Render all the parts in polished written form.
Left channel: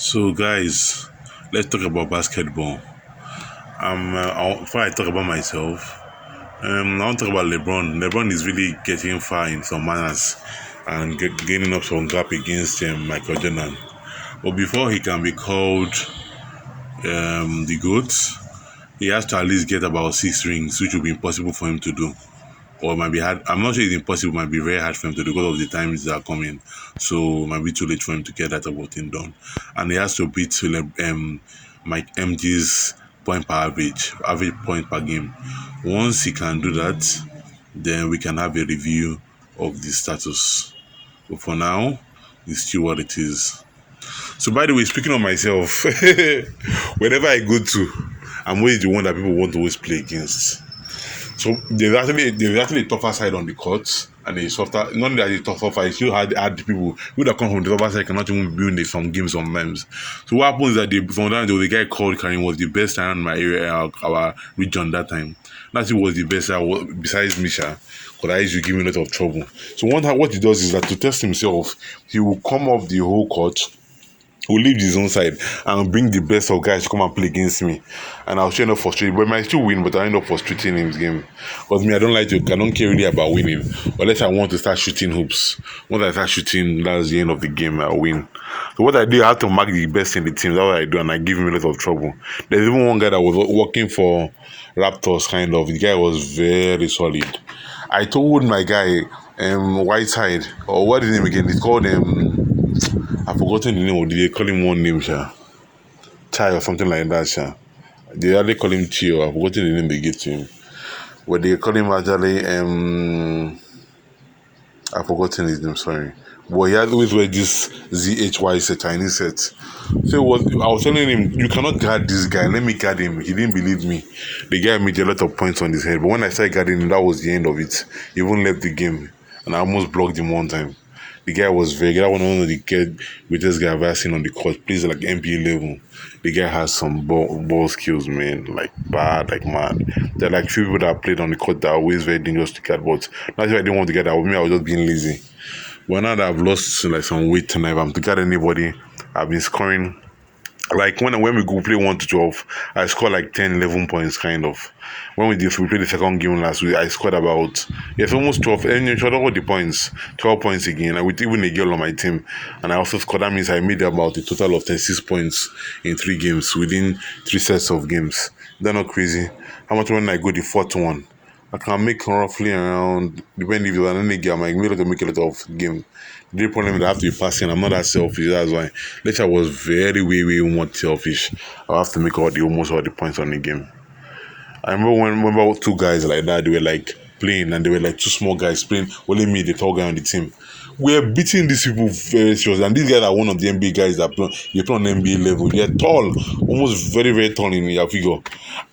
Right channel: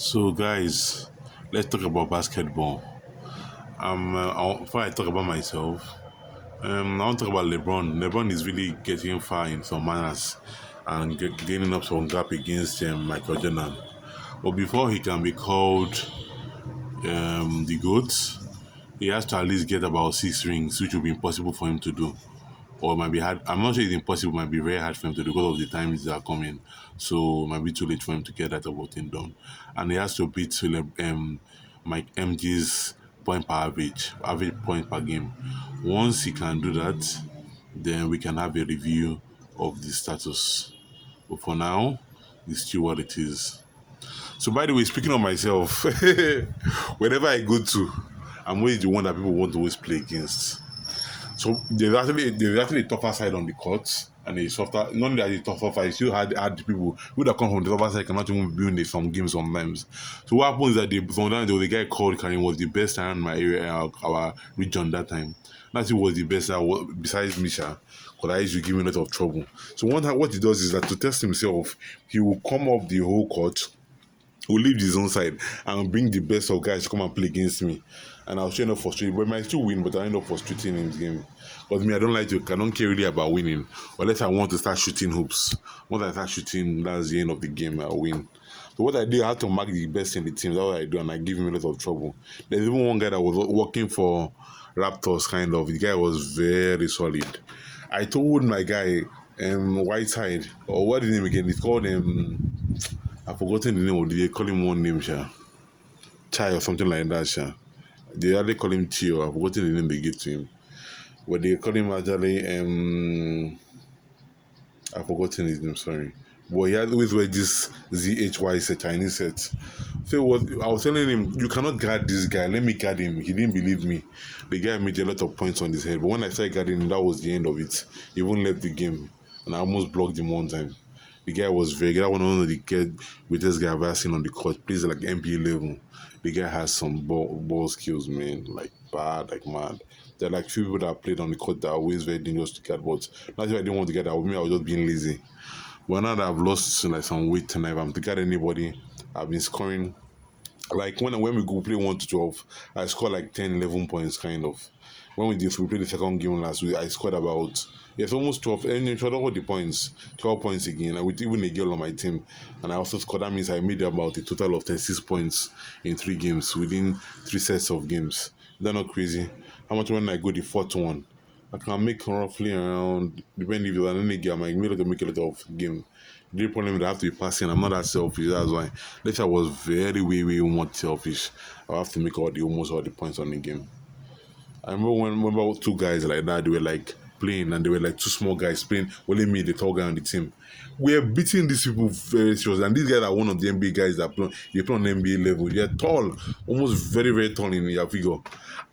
So, guys, let's talk about basketball. Before I talk about myself, I want to talk about LeBron. LeBron is really getting far in some manners and gaining up some gap against Michael Jordan. But before he can be called the GOAT, he has to at least get about 6 rings, which will be impossible for him to do. Or it might be hard. I'm not sure it's impossible. It might be very hard for him to do because of the times that are coming. So it might be too late for him to get that about thing done. And he has to beat Mike MD's point per average point per game. Once he can do that, then we can have a review of the status. But for now, it's still what it is. So by the way, speaking of myself, wherever I go to, I'm always the one that people want to always play against. So there's actually a tougher side on the court and a softer. Not that it's tougher fight, still had people who that come from the tougher side cannot even be in some games sometimes. So what happens is that from that the guy called Karim was the best around my area, our region that time. That was the best besides Misha. Because I used to give him a lot of trouble. So what he does is that to test himself, he will come up the whole court, will leave his own side and bring the best of guys to come and play against me. And I'll end up frustrated. But I might still win, but I end up frustrating him in his game. Because me, I don't care really about winning. Unless I want to start shooting hoops. Once I start shooting, that's the end of the game, I'll win. So what I do, I have to mark the best in the team. That's what I do, and I give him a lot of trouble. There's even one guy that was working for Raptors, kind of. The guy was very solid. I told my guy, Whiteside, or what is his name again? It's called I've forgotten the name. Or did they call him one name, sha? Chai or something like that, sha. They actually call him Tio. I've forgotten the name they gave to him. But they call him actually I've forgotten his name, sorry. But he had always wear this ZHY set, Chinese set. So I was telling him, you cannot guard this guy, let me guard him. He didn't believe me. The guy made a lot of points on his head. But when I started guarding him, that was the end of it. He even left the game. And I almost blocked him one time. The guy was very good. I one of the greatest guy I've ever seen on the court. Plays like NBA level. The guy has some ball skills, man. Like bad, like mad. There are like few people that played on the court that are always very dangerous to guard. But not if I didn't want to get that with me, I was just being lazy. But now that I've lost like some weight tonight, if I'm to guard anybody, I've been scoring. Like when we go play 1 to 12, I score like 10, 11 points kind of. When we played the second game last week, I scored about almost 12, and you should all the points, 12 points again, and with even a girl on my team. And I also scored. That means I made about a total of 36 points in 3 games within 3 sets of games. They're not crazy. How much when I go the fourth one? I can make roughly around, depending if you're an any game, I might be able to make a lot of game. The problem is I have to be passing. I'm not that selfish. That's why. Later I was very, way more selfish. I have to make almost all the points on the game. I remember two guys like that. They were like playing, and they were like two small guys playing. Only me, the tall guy on the team. We're beating these people very seriously, and these guys are one of the NBA guys that play on NBA level. They're tall, almost very, very tall in their figure.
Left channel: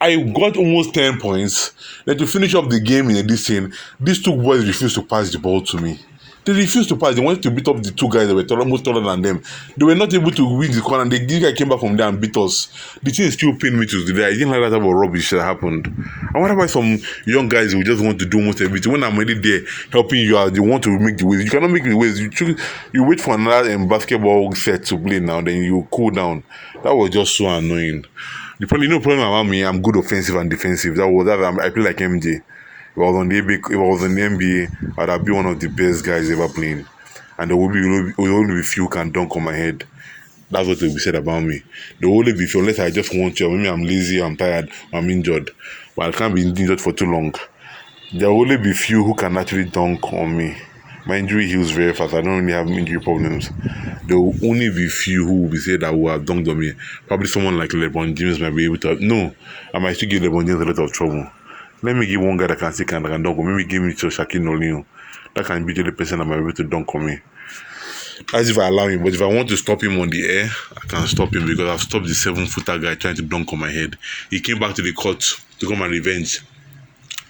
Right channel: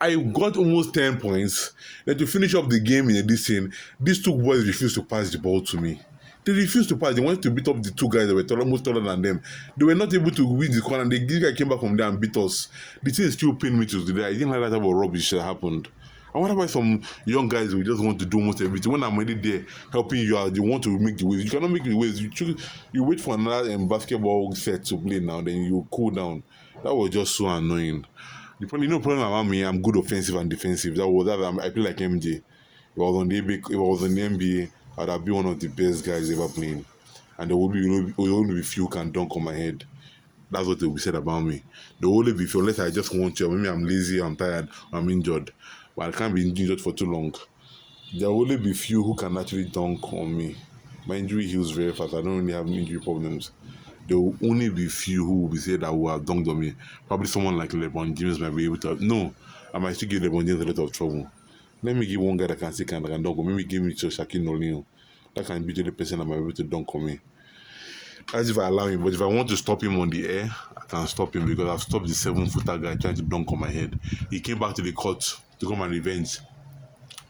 I got almost 10 points. Then to finish up the game in this scene, these two boys refused to pass the ball to me. They refused to pass. They wanted to beat up the two guys that were almost taller than them. They were not able to win the corner. And the guy came back from there and beat us. The thing still pained me to today. I didn't like that type of rubbish that happened. I wonder why some young guys who just want to do almost everything. When I'm already there helping you out, they want to make the waves. You cannot make the waves. You wait for another basketball set to play now, then you cool down. That was just so annoying. The problem about me, I'm good offensive and defensive. I play like MJ. If I was on the NBA, I'd be one of the best guys ever playing. And there will only be few who can dunk on my head. That's what they will be said about me. There will only be few, unless I just want to. Maybe I'm lazy, I'm tired, I'm injured. But I can't be injured for too long. There will only be few who can actually dunk on me. My injury heals very fast. I don't really have injury problems. There will only be few who will be said that will have dunked on me. Probably someone like LeBron James might be able to. No, I might still give LeBron James a lot of trouble. Let me give one guy that can stick and dunk on me. Maybe give me to Shaquille O'Neal. That can be the only person that might be able to dunk on me. That's if I allow him. But if I want to stop him on the air, I can stop him because I've stopped the 7-footer guy trying to dunk on my head. He came back to the court to come and revenge.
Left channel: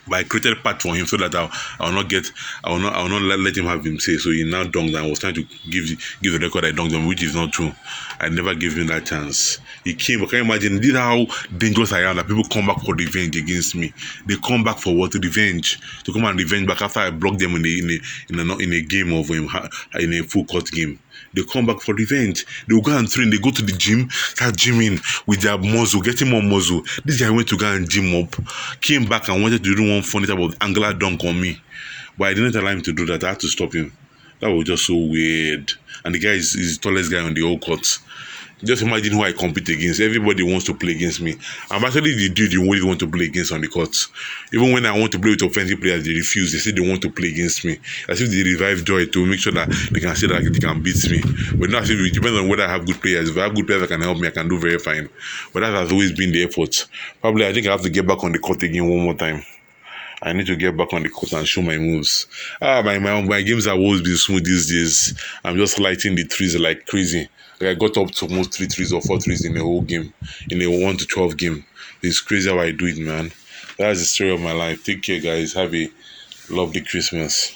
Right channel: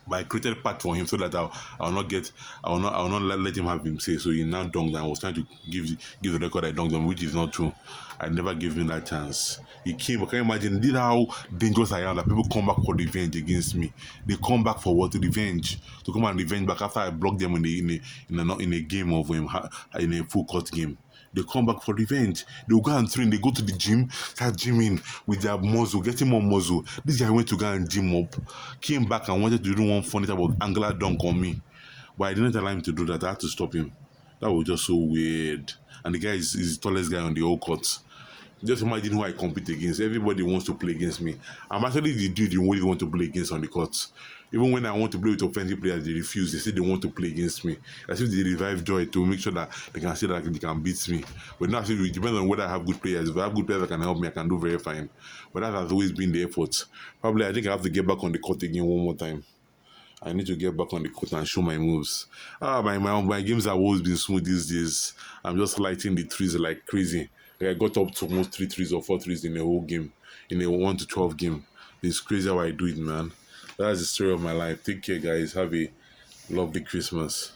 But I created a path for him so that I will not get, I will not let him have him say. So he now dunked and was trying to give the record I dunked him, which is not true. I never gave him that chance. He came, but can you imagine? This is how dangerous I am that people come back for revenge against me. They come back for what? Revenge. To come and revenge back after I blocked them in a game of in a full court game. They come back for revenge. They will go and train. They go to the gym, start gymming with their muscle, getting more muscle. This guy went to go and gym up, came back and wanted to do one funny type of angular dunk on me. But I didn't allow him to do that. I had to stop him. That was just so weird. And the guy is the tallest guy on the whole court. Just imagine who I compete against. Everybody wants to play against me. I'm actually the dude you only want to play against on the court. Even when I want to play with offensive players, they refuse. They say they want to play against me. As if they revive joy to make sure that they can say that they can beat me. But not as if it depends on whether I have good players. If I have good players that can help me, I can do very fine. But that has always been the effort. Probably I think I have to get back on the court again one more time. I need to get back on the court and show my moves. My games have always been smooth these days. I'm just lighting the threes like crazy. Like I got up to almost 3 threes or 4 threes in a whole game, in a 1 to 12 game. It's crazy how I do it, man. That's the story of my life. Take care, guys. Have a lovely Christmas.